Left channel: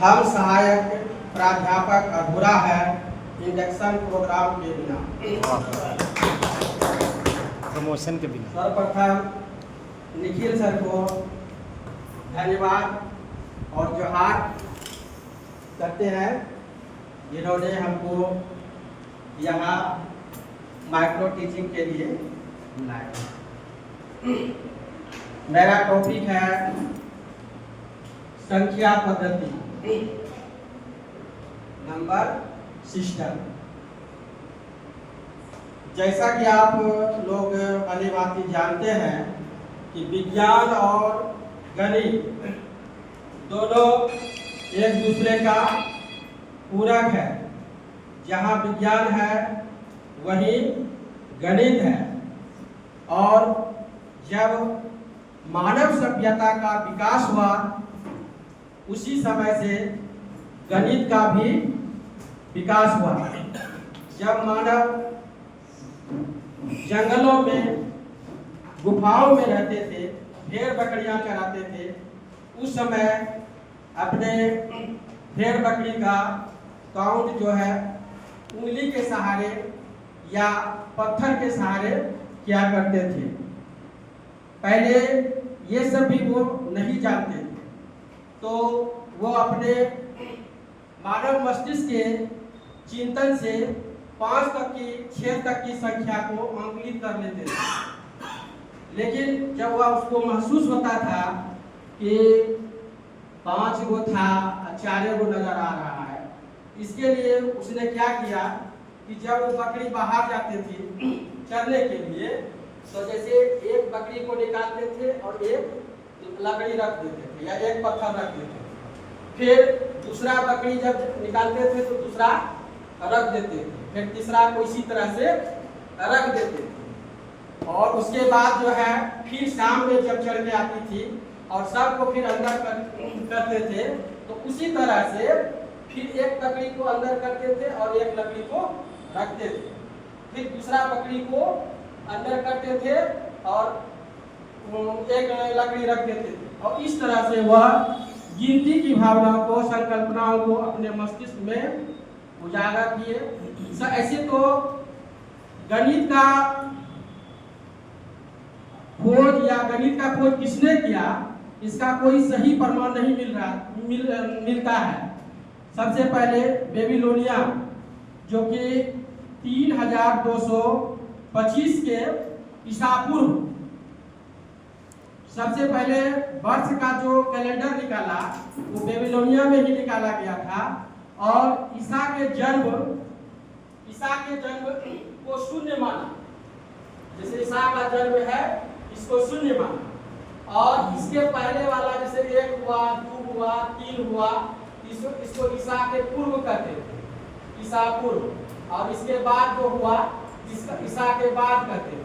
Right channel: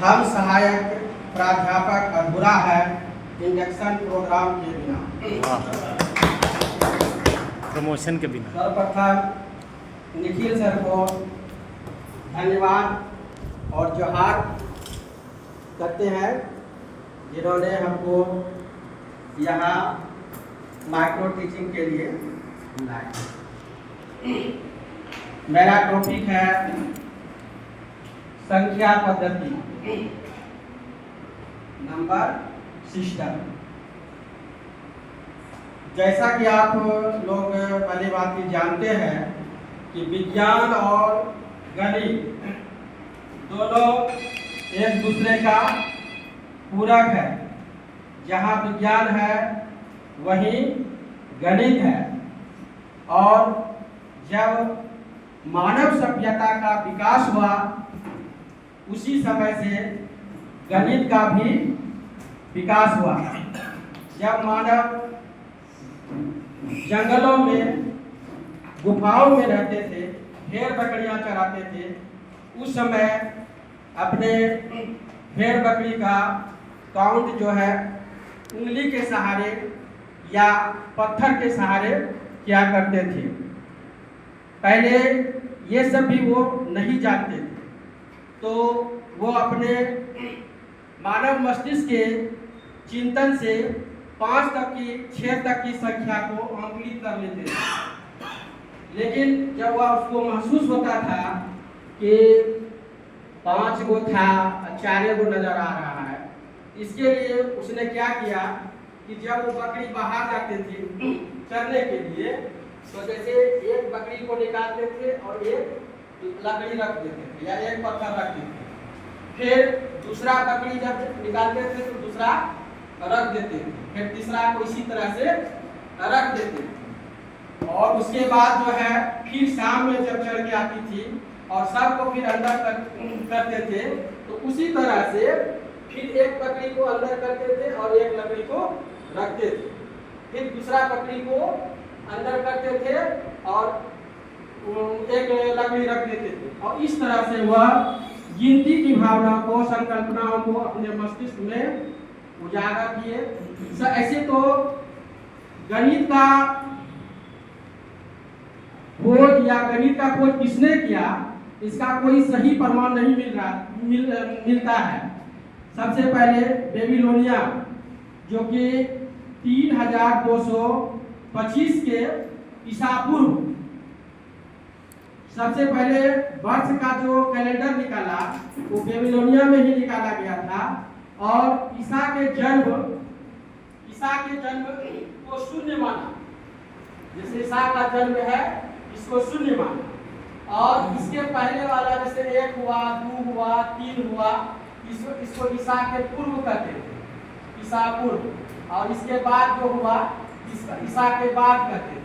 हम सहायक प्राध्यापक अधूरा है इंडक्शन प्रोग्राम के बिना। प्रमोशन के बिना। सर्वप्रथम निखिल सर को धन्यवाद और जोहार करते हैं जिन्होंने हमको यहाँ माइक्रो टीचिंग के लिए बुलाया। मेरा टॉपिक है संख्या पद्धति नंबर सिस्टम। जैसा कि आप लोग पहली बात ही जानते हैं कि विज्ञान और गणित दोनों एक दूसरे का पूरक है। जहाँ विज्ञान है वहीं गणित है, और जब मानव सभ्यता का विकास हुआ उसी समय से गणित का भी विकास हुआ। जब मानव जंगलों में गुफाओं में रहते थे, भेड़ बकरियां चराते थे, उस समय अपने भेड़ बकरी का काउंट जो है उंगली के सहारे या पत्थर के सहारे किया करते थे। पहले ये सब भी वो नहीं जानते थे, तो वो अपने मानव मस्तिष्क के चिंतन से 5 तक की 6 तक की संख्या को अंकित कर लेते थे। लेकिन जब वह उसको महसूस होता था कि 5 गो था, 4 गो नजर आ रहा है, इसके लिए उसने क्या किया कि जब वो बकरी बाहर जाते थे चरने के लिए, तो जैसे एक बकरी को निकालते थे और एक लकड़ी रख देते थे या एक पत्थर रख देते थे। फिर दूसरा बकरी जब निकालते थे तो दूसरा रख देते थे, फिर तीसरा को इसी तरह से रख देते थे। और उसके बाद जो है फिर शाम में जब चढ़ के आती थी और सबको फिर अंदर करते थे, तो उसी तरह से फिर एक बकरी को अंदर करते थे और एक लकड़ी को रखते थे। फिर दूसरा बकरी को अंदर करते थे और एक लकड़ी रख देते थे, और इस तरह से वह गिनती की भावना को, संकल्पनाओं को अपने मस्तिष्क में उजागर किए। ऐसे तो गणित का खोज या गणित का खोज किसने किया, इसका कोई सही प्रमाण नहीं मिलता है। सबसे पहले बेबीलोनिया, जो कि 3225 के ईसा पूर्व सबसे पहले वर्ष का जो कैलेंडर निकाला वो बेबीलोनिया में ही निकाला गया था, और ईसा के जन्म को शून्य माना। जैसे ईसा का जन्म है इसको शून्य माना, और इसके पहले वाला जैसे 1 हुआ, 2 हुआ, 3 हुआ, इसको ईसा के पूर्व कहते थे, ईसा पूर्व। और इसके बाद जो हुआ ईसा के बाद कहते थे।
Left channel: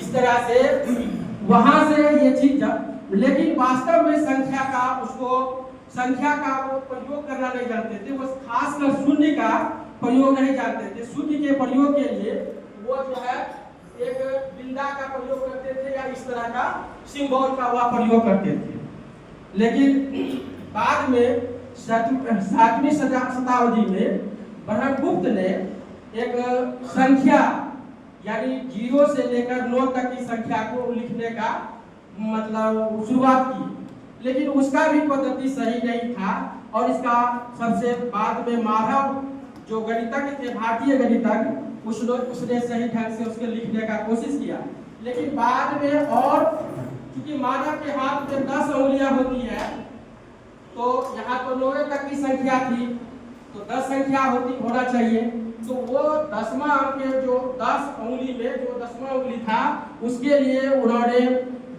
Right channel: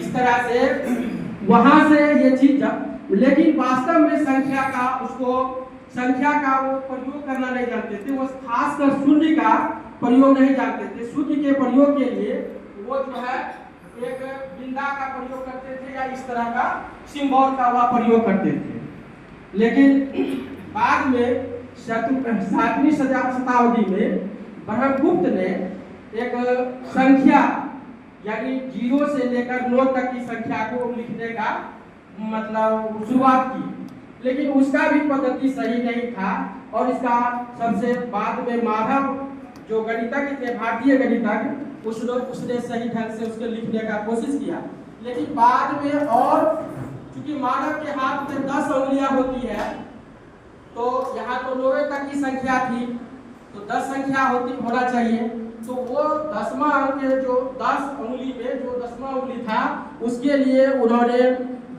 इस तरह से वहां से ये चीज, लेकिन वास्तव में संख्या का वो प्रयोग करना नहीं जानते थे। वो खासकर शून्य का प्रयोग नहीं जानते थे। शून्य के प्रयोग के लिए वो जो है एक बिंदा का प्रयोग करते थे या इस तरह का सिंबल का वह प्रयोग करते थे। लेकिन बाद में 7वीं शताब्दी में ब्रह्मगुप्त ने एक संख्या यानी 0 से लेकर 9 तक की संख्या को लिखने का मतलब शुरुआत की, लेकिन उसका भी पद्धति सही नहीं था। और इसका सबसे बाद में माधव जो गणितज्ञ थे, भारतीय गणितज्ञ, उसने सही ढंग से उसके लिखने का कोशिश किया। लेकिन बाद में, और चूंकि मानव के हाथ में 10 उंगलियां होती है, तो यहाँ तो 9 तक की संख्या थी, तो 10 संख्या होना चाहिए। तो वो 10वां अंक जो 10 उंगली में जो 10वां उंगली था, उसके लिए उन्होंने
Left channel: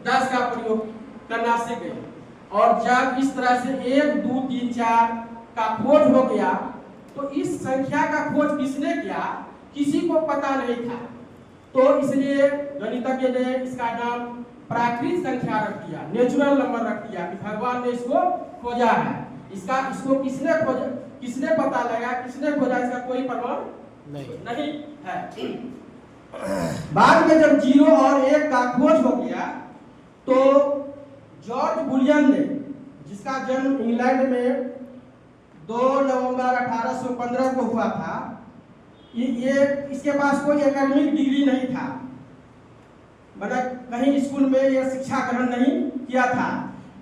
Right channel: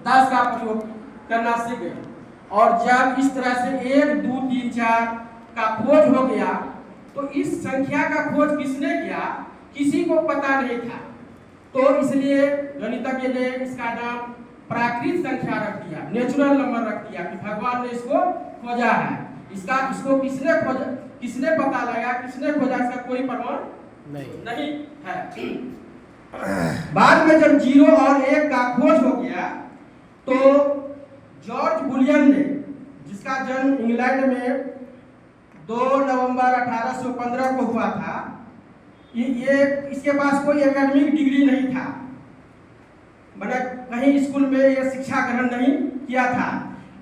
10 का प्रयोग करना सीख गए। और जब इस तरह से 1, 2, 3, 4 का खोज हो गया, तो इस संख्या का खोज किसने किया, किसी को पता नहीं था। तो इसलिए गणितज्ञ ने इसका नाम प्राकृत संख्या रख दिया, नेचुरल नंबर रख दिया, कि भगवान ने इसको खोजा है। इसको किसने खोजा, किसने पता लगा, किसने खोजा, इसका कोई प्रमाण नहीं है। बाद में जब 0 और 1 का खोज हो गया, तो जॉर्ज बुलियन ने, जिसका जन्म इंग्लैंड में 2 नवंबर 1815 को हुआ था। ये इसके पास कोई एकेडमिक डिग्री नहीं था, मतलब कहीं स्कूल में ये शिक्षा ग्रहण नहीं किया था,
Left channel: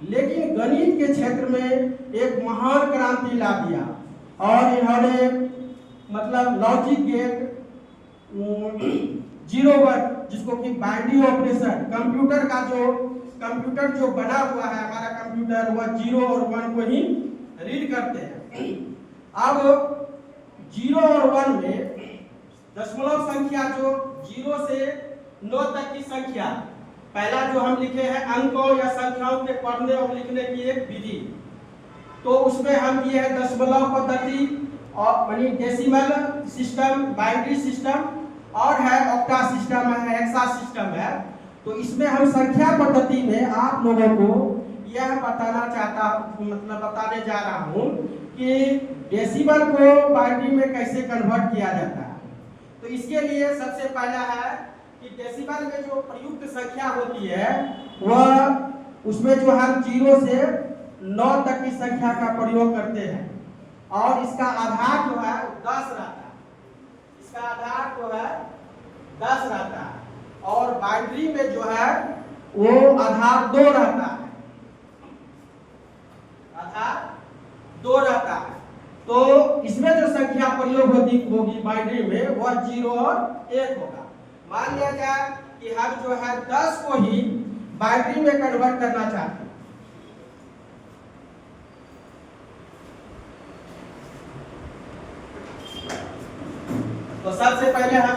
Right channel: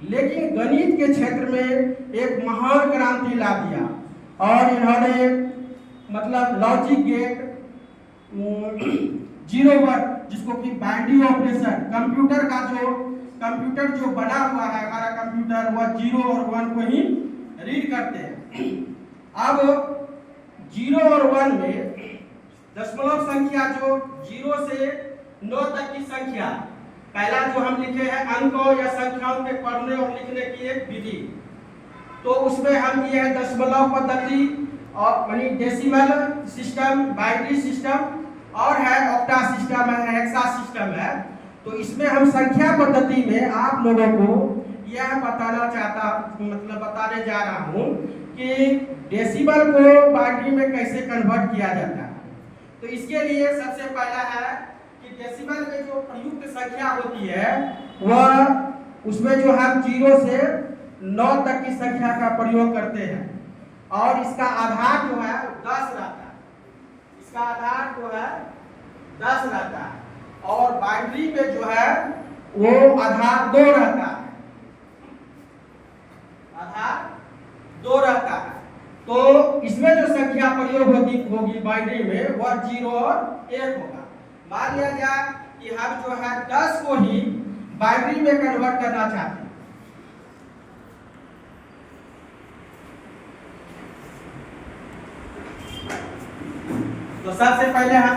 लेकिन गणित के क्षेत्र में एक महान क्रांति ला दिया और इन्होंने मतलब लॉजिक गेट, जीरो वर्क, जिसको कि बाइनरी ऑपरेशन, कंप्यूटर जो बना हुआ है हमारा कंप्यूटर, वह 0 और 1 को ही रीड करते हैं। अब 0 और 1 में दशमलव संख्या जो 0 से 9 तक की संख्या, पहला जो हम लिखे हैं अंकों या संख्याओं के पढ़ने और लिखने की एक विधि, तो उसमें हम दिए हैं दशमलव पद्धति और यानी डेसिमल सिस्टम, बाइनरी सिस्टम और है ऑक्टा सिस्टम है, हेक्सा सिस्टम है। तो इसमें हम संख्या पद्धति में आप लोगों को यह बताने जा रहा हूँ कि डेसिमल को बाइनरी में कैसे कन्वर्ट किया जाता है। तो इसके लिए सबसे पहला है कि डेसिमल में जो प्रयुक्त संख्या होती है वह उसमें जो हम 0 से 9 तक की संख्या का प्रयोग करते हैं और इसका आधार जो है 10 रहता है, इसका आधार जो है 10 रहता है और बाइनरी में जो है वो आधार 2 रहता है, आधार 2 रहता है। तो इसमें जो संख्या प्रयोग होगी बाइनरी में वह 0 और 1 होगा। मान लिया जाए कि हम जो है 10 को ही बाइनरी में कन्वर्ट करना चाहते हैं, तो सबसे पहले हम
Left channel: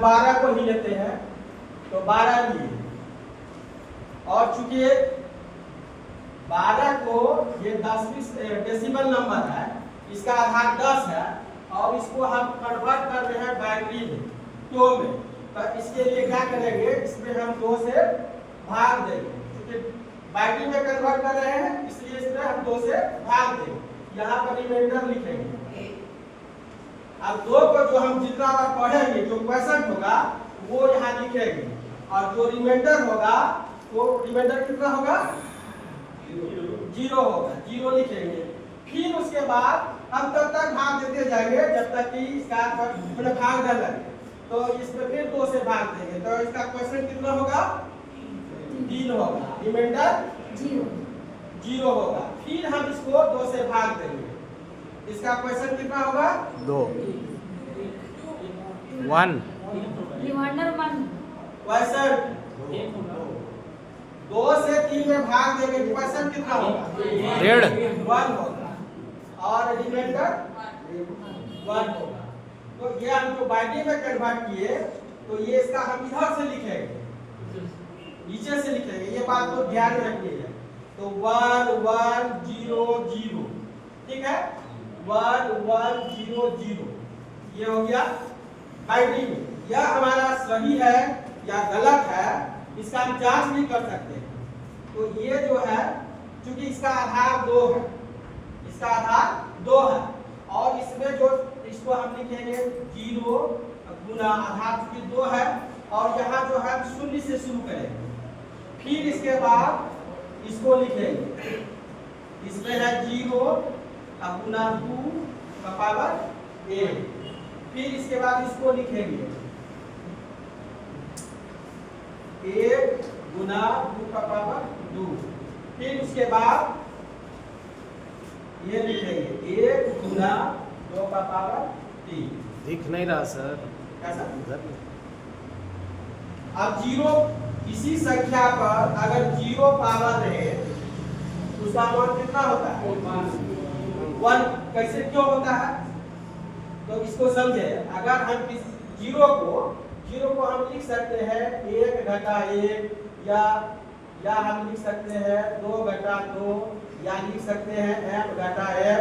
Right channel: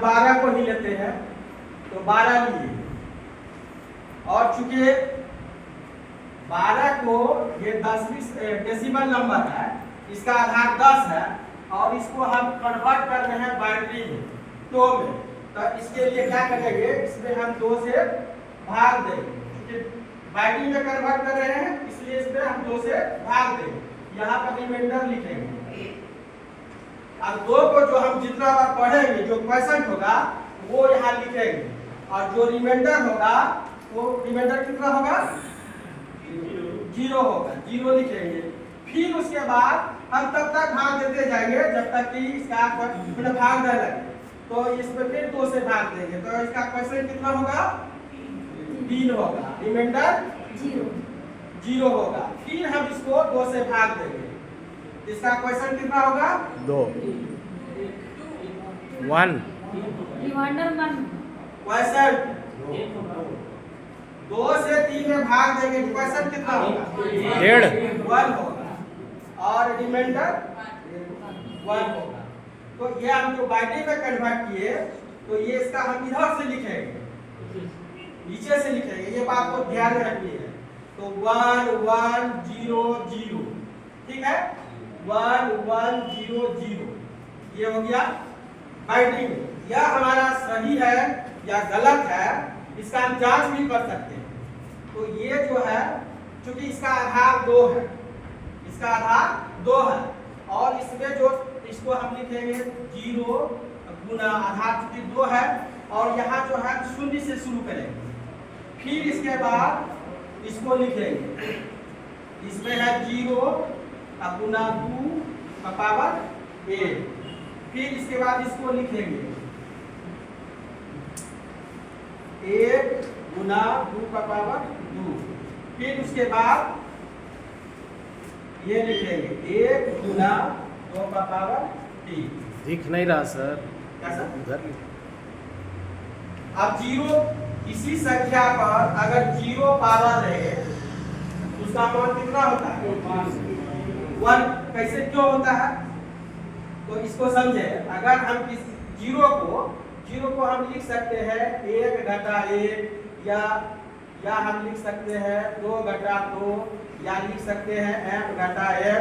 12 को ही लेते हैं, तो 12 लिए और चूंकि 12 को ये 10वीं डेसिमल नंबर है, इसका आधार 10 है और इसको हम कन्वर्ट कर रहे हैं बाइनरी में 2 में, तो इसके लिए क्या करेंगे, इसमें हम 2 से भाग देंगे, क्योंकि बाइनरी में कन्वर्ट कर रहे हैं इसलिए इसमें हम 2 से भाग देंगे, यहाँ पर रिमाइंडर लिखेंगे। अब 2 को जो हम जितना बार पढ़ेंगे जो क्वेश्चन होगा वो यहाँ लिखेंगे और जो रिमाइंडर होगा वो रिमाइंडर कितना होगा, 0 होगा, 0 लिखेंगे। फिर उसके बाद हम तब तक भाग देते जाएंगे जब तक कि इसका भाग न लगे, तो इसमें फिर 2 से भाग देंगे, तो इसका क्वेश्चन कितना होगा, 3 होगा, रिमाइंडर 0 होगा। फिर हम इसको 2 से भाग देंगे, इसका क्वेश्चन कितना होगा, 2 1 रिमाइंडर 1 क्वेश्चन 2 से 3 में भाग देंगे, क्वेश्चन कितना होगा, 1 होगा और रिमाइंडर 1 होगा। तो ये हम जो बाइनरी में कन्वर्ट किए तो ये इसका हम इधर से लिखेंगे, नीचे से लिखेंगे, ये बात को ध्यान में रखनी है। तो 1 1 0 0, ठीक है, 1 1 0 0, ये हो गया बाइनरी में। यह हमारा सही है या गलत है इसका हम जांच भी कर सकते हैं। तो ये जो है क्योंकि इसका आधार 2 है, इसका आधार 2 है और इसमें जो इसको हम लिखेंगे 0 गुना आधार चूंकि 2 है और यहाँ जो है 0 से शुरू करेंगे, फिर इसके बाद इसको लिखेंगे, इसमें है 0 गुना 2 का पावर 8, फिर इसके बाद इसको लिखेंगे 1 गुना 2 का पावर 2, फिर उसके बाद ये लिखेंगे 1 गुना 2 का पावर 3। दिख नहीं रहा सर, कैसा? उधर अब 0 किसी संख्या पर अगर 0 पावर रहे उसका मान कितना होता है, 1। कैसे क्यों होता है, तो इसको समझे। अगर हम इस 0 को हम लिख सकते हैं 1 घटा 1 या हम लिख सकते हैं 2 घटा 2 या लिख सकते हैं m घटा m।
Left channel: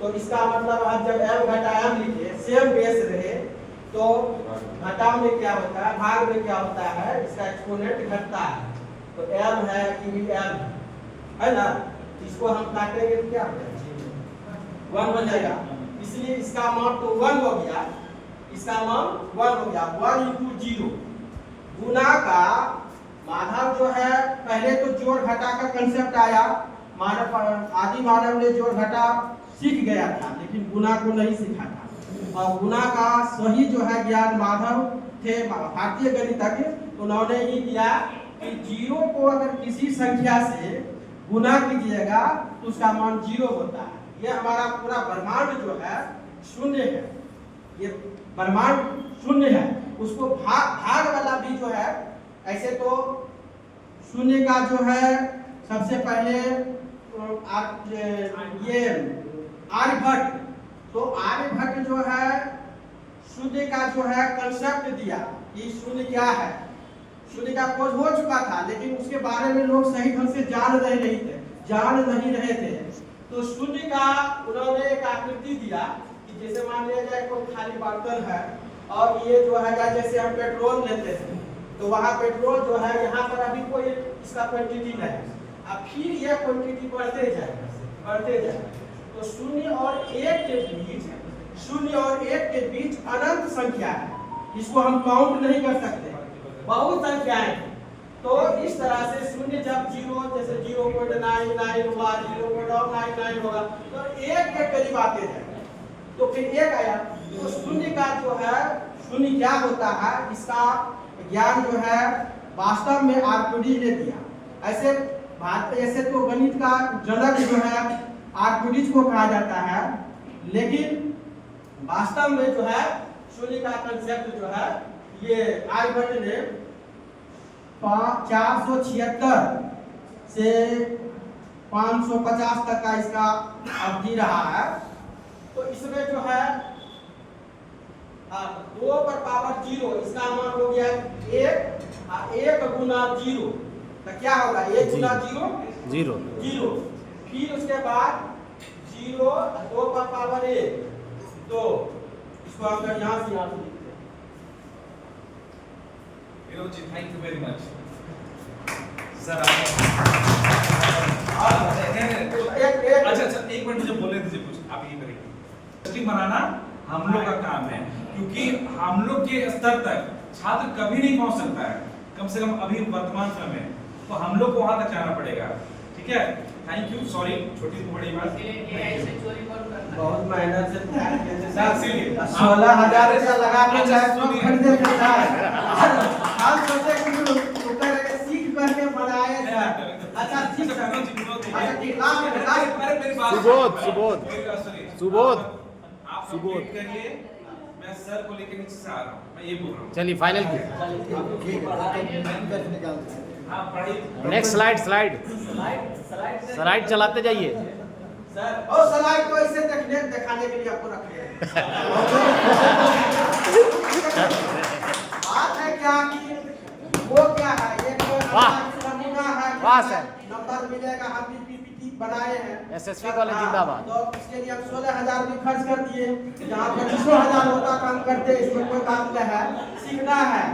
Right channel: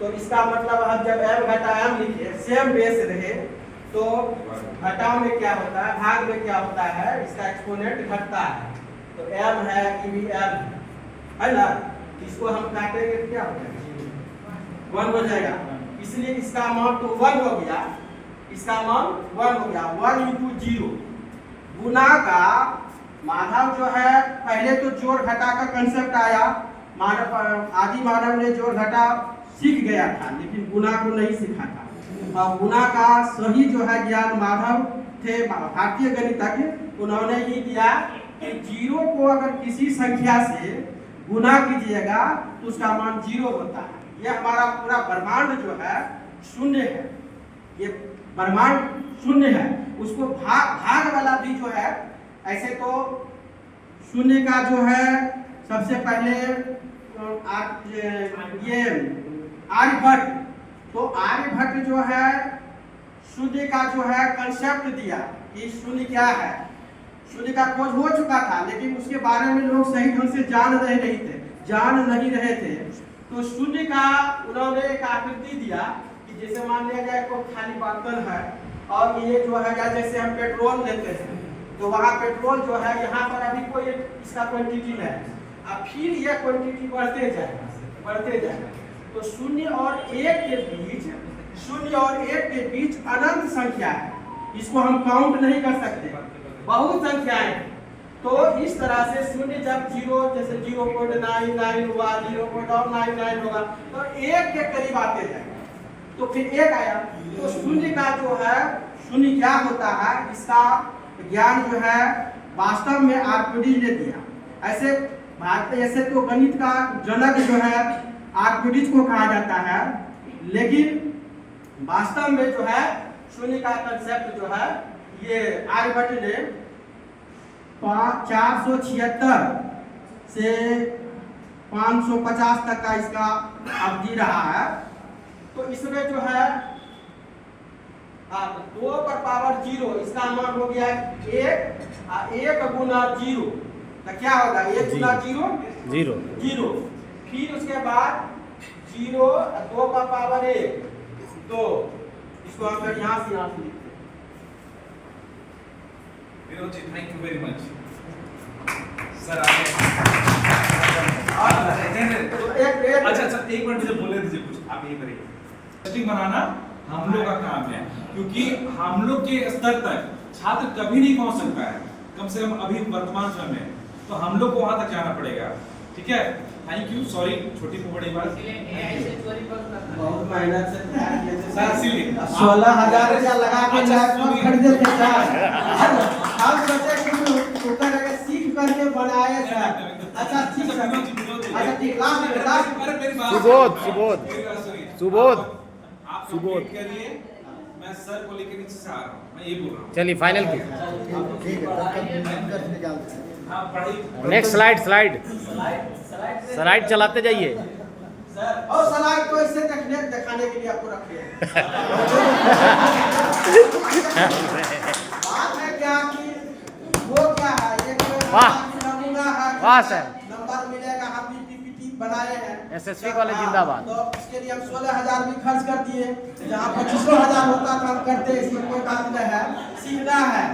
तो इसका मतलब हम जब m घटा m लिखे सेम बेस रहे तो घटाव में क्या होता है, भाग में क्या होता है, इसका एक्सपोनेंट घटता है। तो m है कि भी m है ना, इसको हम काटेंगे तो क्या होगा, 1 हो जाएगा, इसलिए इसका मान तो 1 हो गया, इसका मान 1 हो गया। 1 × 0 गुना का मानव जो है पहले तो जोड़ घटा का कंसेप्ट आया, आदि मानव ने जोड़ घटा सीख गया था, लेकिन गुना को नहीं सीखा था। और गुना का सही जो है ज्ञान माधव थे, भारतीय गणितज्ञ। उन्होंने ये किया कि जीरो को अगर किसी संख्या से गुना कीजिएगा तो उसका मान 0 होता है। ये हमारा पूरा ब्रह्मांड जो है शून्य है, ये ब्रह्मांड शून्य है। उसको भाग वाला भी जो है, ऐसे तो शून्य का जो है सबसे पहले ये आर्यभट्ट, तो आर्यभट्ट जो है शून्य का जो है कंसेप्ट दिया कि शून्य क्या है। शून्य का खोज हो चुका था, लेकिन उसके बारे में लोग सही ढंग से जान नहीं रहे थे। तो शून्य का उन्होंने एक आकृति दिया कि जैसे मान लिया जाए कोई खाली बर्तन है और ये जो है जैसे हम पेट्रोल लेते हैं, तो वहाँ पेट्रोल जो है यहाँ पर अभी कोई इसका क्वांटिटी है, अब फिर यह क्वांटिटी बढ़ते जाएगा। तो शून्य और एक के बीच अनंत संख्या है, इसको हम काउंट नहीं कर सकते, बहुत संख्याएं हैं। तो इस तरह से शून्य जब 0 जैसे 0.99 हुआ, 0.99 होगा, तो 1 के करीब आते जाएगा, तो फिर 1 आया। तो शून्य का जो है शून्य क्या होता है, इसका ज्ञान जो है वास्तव में आर्किमिडीज ने दिया। ऐसे तो गणित का जनक जो है आर्किमिडीज को कहा जाता है, लेकिन वास्तव में जो है शून्य का कंसेप्ट जो है ये आर्यभट्ट ने 476 से 550 तक का इसका अवधि रहा है। तो इसमें जो है 2 पर पावर 0, इसका मान हो गया 1 गुना 0, तो क्या होगा 1 गुना 0। फिर उसके बाद 0 2 पर पावर 1, तो इसको हम यहाँ से लिखते हैं। Vinod ji, thank you very much sir. अच्छा, एक मिनट मुझे बोले दीजिए कुछ, आप यही करिए। टेस्टिंग बनाना हम लोग का काम है, क्योंकि हम लोग के स्तर तक छात्र कभी नहीं पहुंच सकता है, कम से कम अभी वर्तमान समय में, तो हम लोग को वहां तक जाना पड़ेगा। ठीक है, थैंक यू। सॉरी, छोटी को बड़ी बात, बहुत मेहनत से सर इसीलिए 16,000 रुपया लगा के लैपटॉप खरीदे थे सर। हम सोचे कि ऊपर सीख करके बनाए सर। अच्छा ठीक है, अच्छा ठीक, लास्ट सुबोध आप सुबोध करिए, मैं सर को लेकर नीचे से आ रहा हूँ, मैं ये बोल रहा हूँ। चलिए फाइनल की हाँ, पढ़ाई नेक्स्ट स्लाइड चलाते जाइए सर। और स्लाइड को इसे दिखाने के लिए आपको रखे हैं। बात है क्या कि वो क्या है, एक नमूना है, वाह सर, नंबर मिलेगा। हम भी पीपीटी बनाए हैं, SSV कॉलेज जिंदाबाद। तो इसके लिए हम 16,000 भी खर्च कर दिए, जहाँ 25,000 होता काम करते, इसमें कोई काम नहीं है, सीखना है।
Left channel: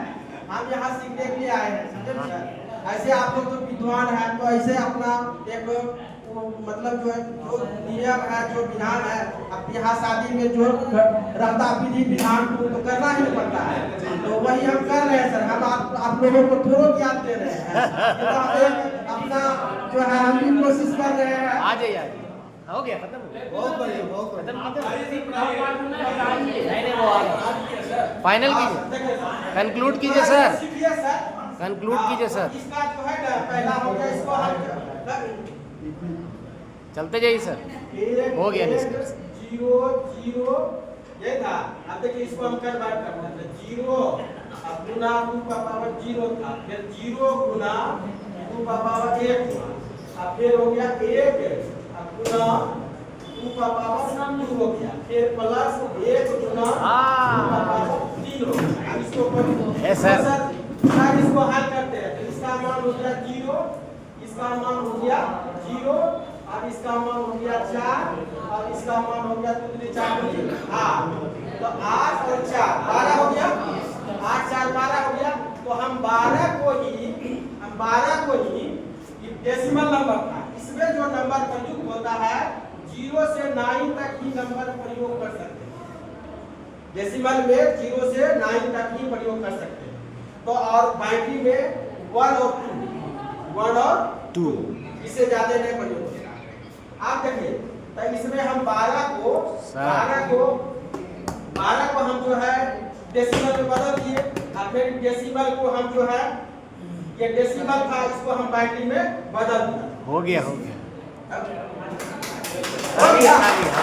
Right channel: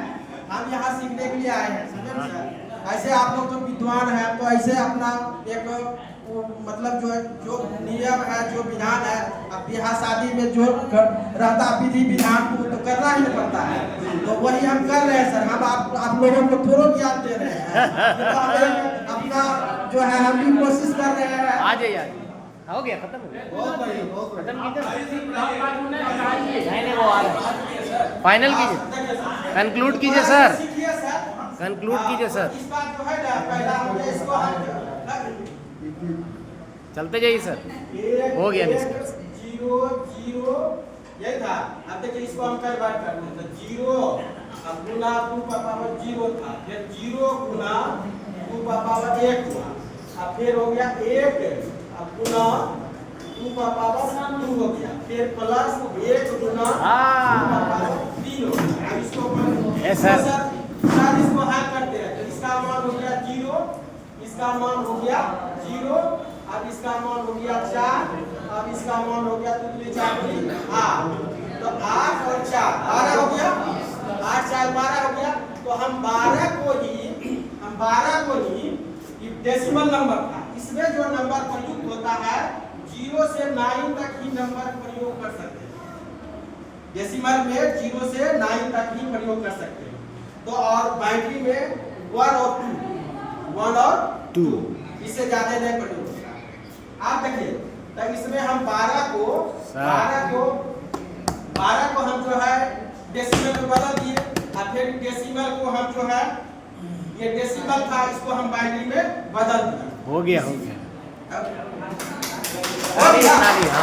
हम यहाँ सीखने के लिए आए हैं, समझे सर। ऐसे आप लोग जो विद्वान हैं, तो ऐसे अपना एक मतलब जो नियम है, जो विधान है, अब ब्याह शादी में जो रहता विधि विधान को तो करना ही पड़ता है, तो वही हम कर रहे हैं सर। हम आप लोगों को थोड़ा ज्ञान दे रहे हैं, तो अपना जो है हम भी कोशिश कर रहे हैं। आ जाइए हो गया, खत्म हो गया, बहुत बढ़िया, बहुत खत्म कीजिए। नहीं वो आ रहा है, फाइनल कीजिए, कंक्लूड कीजिए सर, कंक्लूड कीजिए सर, इसका जो है ना पहला हो गया, इसको हम चलते जाइए सर, हो गया निष्कर्ष। 0 ये था। अब देखिए इसको हम कन्वर्ट करना है, 0 गुना 2 का पावर 0 था, फिर 0 गुना 2 का पावर 1 हुआ, अब फिर हो गया 1 गुना 2 का पावर 2 हो गया, फिर प्लस 1 गुना 2 का पावर 3 हो गया। अब इसको सर इसको हल करते हैं, इसका मान हो गया 0, इसका मान हो गया 0, अब इसका मान हो गया 4, अब इसका मान हो गया 8, तो 8 और 4 12 हो गया, 8 4 12 हो गया। तो हम 12 को ही डेसिमल नंबर था, इसमें जो नंबर प्रयुक्त होता है 0 से 9 तक ही नंबर प्रयोग कर सकते हैं। डेसिमल में 0 से 9 तक ही प्रयोग कर सकते हैं। तो और बाइनरी में 1 और 2, इससे ज्यादा नहीं प्रयोग। आप देखिए, तो इसमें हम 12 12 को हम जो है डेसिमल में बदल दिए और फिर डेसिमल को हम जो है ये डेसिमल था इसको हम बाइनरी में बदल दिए। हो गया हो गया गया?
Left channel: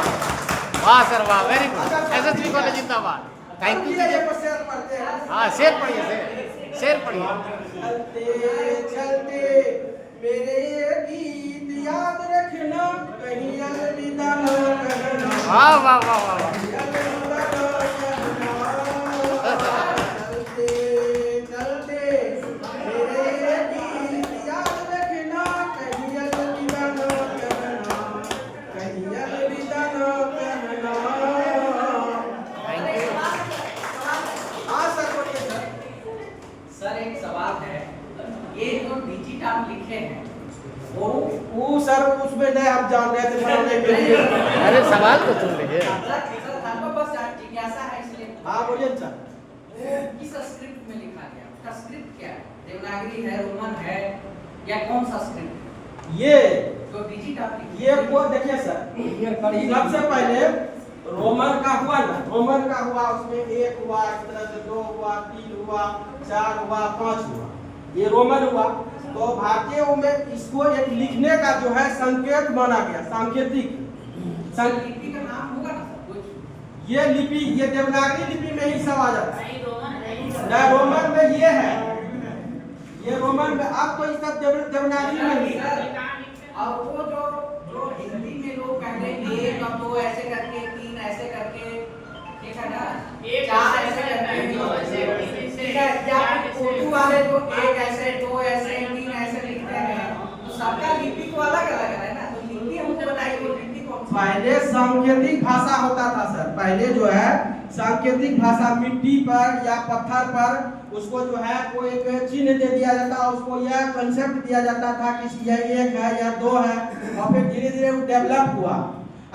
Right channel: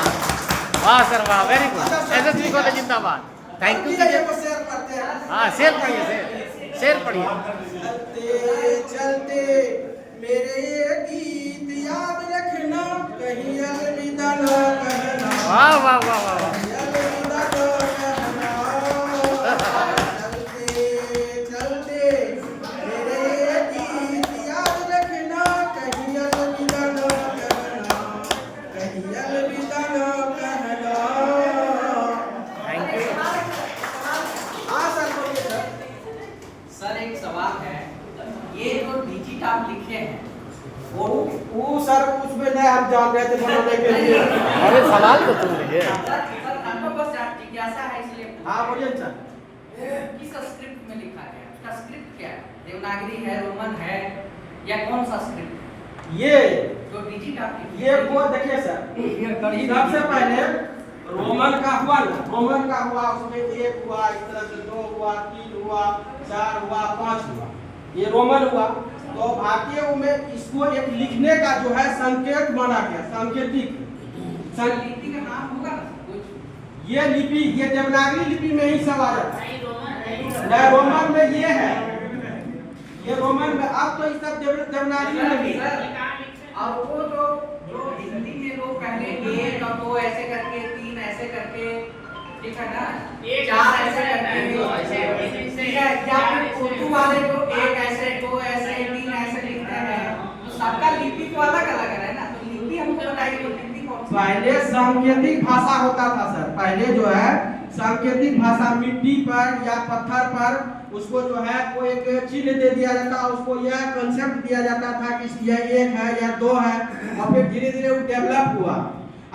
वाह सर वाह वेरी गुड SSB कॉलेज जिंदाबाद थैंक यू वीडियो को शेयर करते हैं। हाँ शेर पढ़िए शेर पढ़िए चलते चलते मेरे गीत याद रखना कहीं अलविदा न कहना वाह वाह वाह वाह वाह अलविदा न कहना चलते चलते मेरे गीत याद रखना कहीं अलविदा न कहना कहीं अलविदा न कहना। थैंक यू हाँ सर बोलिए सर। सर एक सवाल है, ये जो डिजिट आप लिखे हैं वो सर उसमें नहीं हम जान रहे थे बनाने के लिए। अरे सवाल तो तुम लीजिए सर हमको बस जिज्ञासा है इसलिए हाँ बोलिए सर। किस स्क्रिप्ट में लिखा गया, उसका स्क्रिप्ट क्या है, देवनागरी है, रोमन है या कौन सा स्क्रिप्ट है? ये जो डिजिट आप लिखे ये वो देखिए सर सबसे पहले रोमन का हुआ ना, रोमन का हुआ उसमें 1 हुआ, इस तरह से 2 हुआ, 3 हुआ, 4 हुआ, 5 हुआ, ये रोमन हुआ। तो भारतीय में इसको एक लिखने का जो है संकेत माना गया, सांकेतिक लिपि का नाम होगा ना सर कुछ? ये लिपि ये देवनागरी लिपि में ही सब आ जाता है। नहीं, रोमन में ये है, ये रोमन में अब तो इस सब देवनागरी में ही है। और वो जो हिंदी में लोग पहले 1 और 2 ऐसे करके 3 ऐसे करके ठीक है ना, 4 ऐसे करके ठीक है, या फिर उर्दू वाले जो 1 ऐसे 2 ऐसे 3 ऐसे लिखते हैं तो सबका लिपि तो अलग अलग है ना, तो लिपि हमको बताइए वो लिपि कौन सी है? पहले सांकेतिक भाषा होता था सर, पहले जो है सांकेतिक भाषा मिट्टी पर या पत्थर पर उसको जो है कोई एक चिन्ह दे दिया जाता, उसको यह कंसेप्ट दिया जाता था कि यह 1 है या 2 है, और फिर धीरे धीरे वो डेवलप हुआ।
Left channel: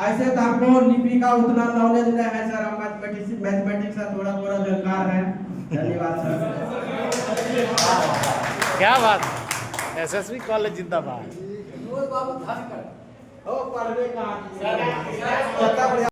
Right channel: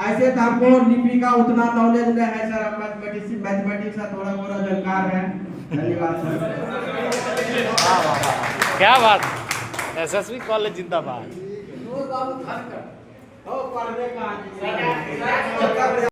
ऐसे तो हमको लिपि का उतना नॉलेज नहीं है सर, हम मैथमेटिक्स का थोड़ा थोड़ा जानकार है। धन्यवाद सर। वाह वाह वाह क्या बात SSB कॉलेज जिंदाबाद बाबू घर कर हो पढ़ने का